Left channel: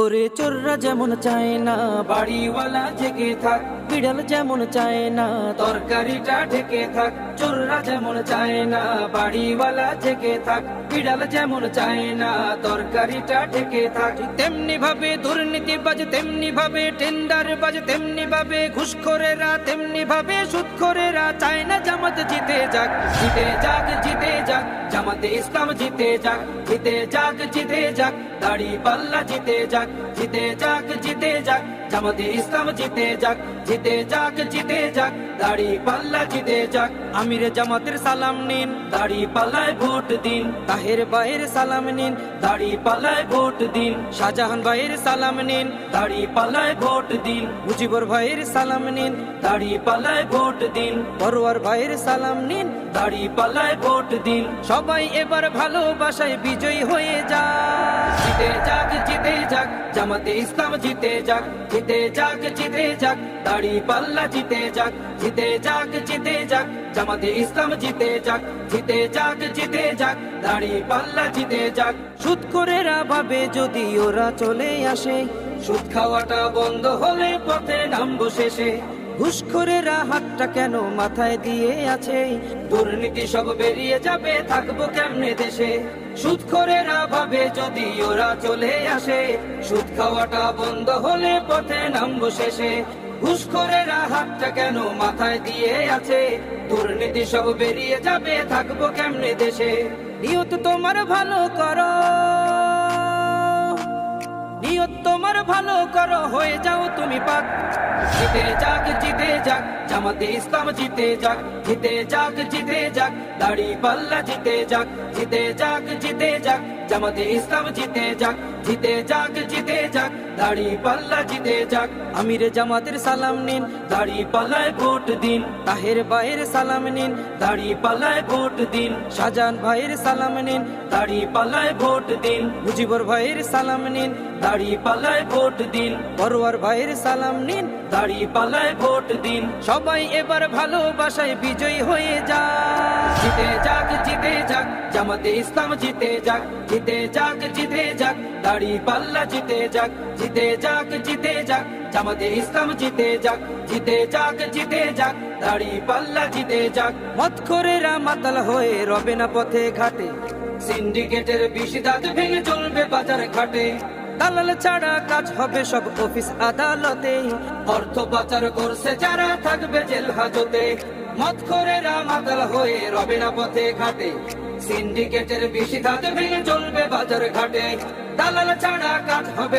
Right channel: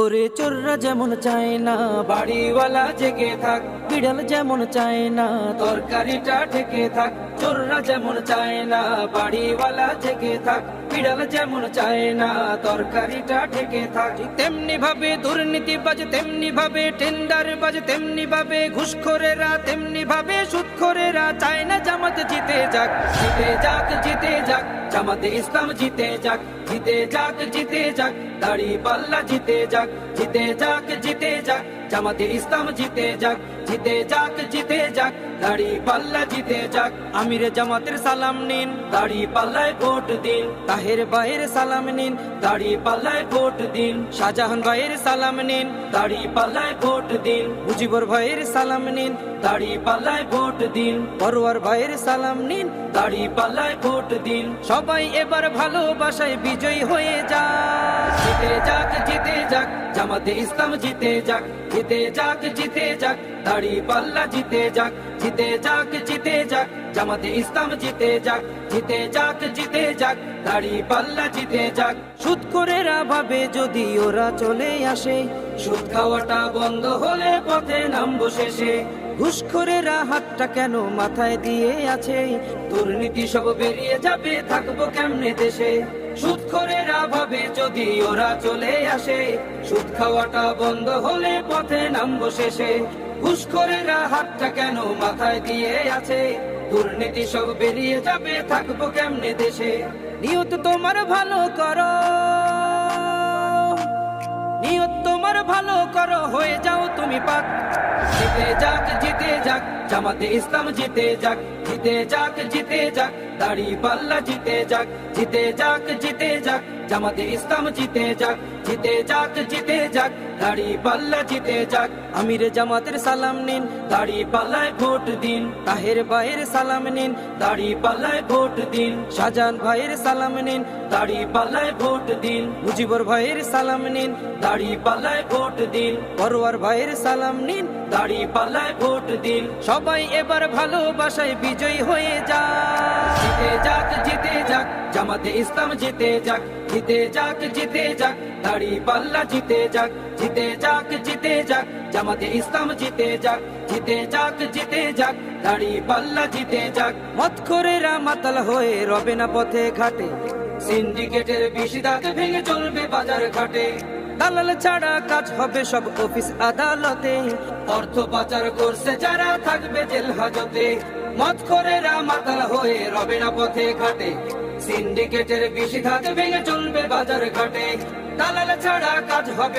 ওরে চোররা যেমন চায় না বাড়িওয়ালা জেগে থাক, বিড়াল যেমন চায় না তরকারিটা ঢেকে থাক। চোররা যেমন চায় না বাড়িওয়ালা জেগে থাক, বিড়াল যেমন চায় না তরকারিটা ঢেকে থাক। তেমনি ভাবে দুর্নীতিবাজ, তেমনি ভাবে টেন্ডার বাজ, তেমনি ভাবে ঘুষখোরেরা, তেমনি ভাবে সুদখোরেরা চায় না জামাত জিতে যাক। জিতে যাক, জিতে যাক, জামাতে ইসলাম জিতে যাক। জিতে যাক, জিতে যাক, দাড়ি পাল্লা জিতে যাক। জিতে যাক, জিতে যাক, জামাতে ইসলাম জিতে যাক। জিতে যাক, জিতে যাক, দাড়ি পাল্লা জিতে যাক। আমিরে জামাতের সালাম নিন, দাড়ি পাল্লায় ভোট দিন। তাহের ভাইয়ের সালাম নিন, দাড়ি পাল্লায় ভোট দিন। শাহজাহান ভাইয়ের সালাম নিন, দাড়ি পাল্লায় ভোট দিন। মুজিবুর ভাইয়ের সালাম নিন, দাড়ি পাল্লায় ভোট দিন। পরওয়ার ভাইয়ের সালাম নিন, দাড়ি পাল্লায় ভোট দিন। সবাই এবার ভালোবাসায় বিজয়ী হয়ে যাক। জিতে যাক, জিতে যাক, জামাতে ইসলাম জিতে যাক। জিতে যাক, জিতে যাক, দাড়ি পাল্লা জিতে যাক। জিতে যাক, জিতে যাক, জামাতে ইসলাম জিতে যাক। জিতে যাক, জিতে যাক, দাড়ি পাল্লা জিতে যাক। সুদখোরেরা ভাবে যদি ওরা চলে আসে, সুদ খাওয়াটা বন্ধ হলে পথে নামবো শেষে। ঘুষখোরেরা হাতটা কেন মাথায় দিয়ে আছে, দুর্নীতি সব বেরিয়ে যাবে, থাকবো কেমনে দেশে। সুদখোরেরা ভাবে যদি ওরা চলে আসে, সুদ খাওয়াটা বন্ধ হলে পথে নামবো শেষে। ঘুষখোরেরা হাতটা কেন মাথায় দিয়ে আছে, দুর্নীতি সব বেরিয়ে যাবে, থাকবো কেমনে দেশে। নিয়ত তোমার ভালো করো, নিয়ত তোমার ভালো করো, হয়ে যাও তুমি পাক। জিতে যাক, জিতে যাক, জামাতে ইসলাম জিতে যাক। জিতে যাক, জিতে যাক, দাড়ি পাল্লা জিতে যাক। জিতে যাক, জিতে যাক, জামাতে ইসলাম জিতে যাক। জিতে যাক, জিতে যাক, দাড়ি পাল্লা জিতে যাক। আমিরে জামাতের সালাম নিন, দাড়ি পাল্লায় ভোট দিন। তাহের ভাইয়ের সালাম নিন, দাড়ি পাল্লায় ভোট দিন। শাহজাহান ভাইয়ের সালাম নিন, দাড়ি পাল্লায় ভোট দিন। মুজিবুর ভাইয়ের সালাম নিন, দাড়ি পাল্লায় ভোট দিন। পরওয়ার ভাইয়ের সালাম নিন, দাড়ি পাল্লায় ভোট দিন। সবাই এবার ভালোবাসায় বিজয়ী হয়ে যাক। জিতে যাক, জিতে যাক, জামাতে ইসলাম জিতে যাক। জিতে যাক, জিতে যাক, দাড়ি পাল্লা জিতে যাক। জিতে যাক, জিতে যাক, জামাতে ইসলাম জিতে যাক। জিতে যাক, জিতে যাক, দাড়ি পাল্লা জিতে যাক। মদখোরেরা মাতাল হয়ে রবে না পথে ঘাটে, সিন্ডিকেটের বিশিদাত ভেঙে চলবে বাজার ঘাটে। দালাল ছাড়া কাজ হবে সব অফিস আদালতে, অর্থ পাচার করছে যারা থাকবে জেল হাজতে। মদখোরেরা মাতাল হয়ে রবে না পথে ঘাটে, সিন্ডিকেটের বিশিদাত ভেঙে চলবে বাজার ঘাটে। দালাল ছাড়া কাজ হবে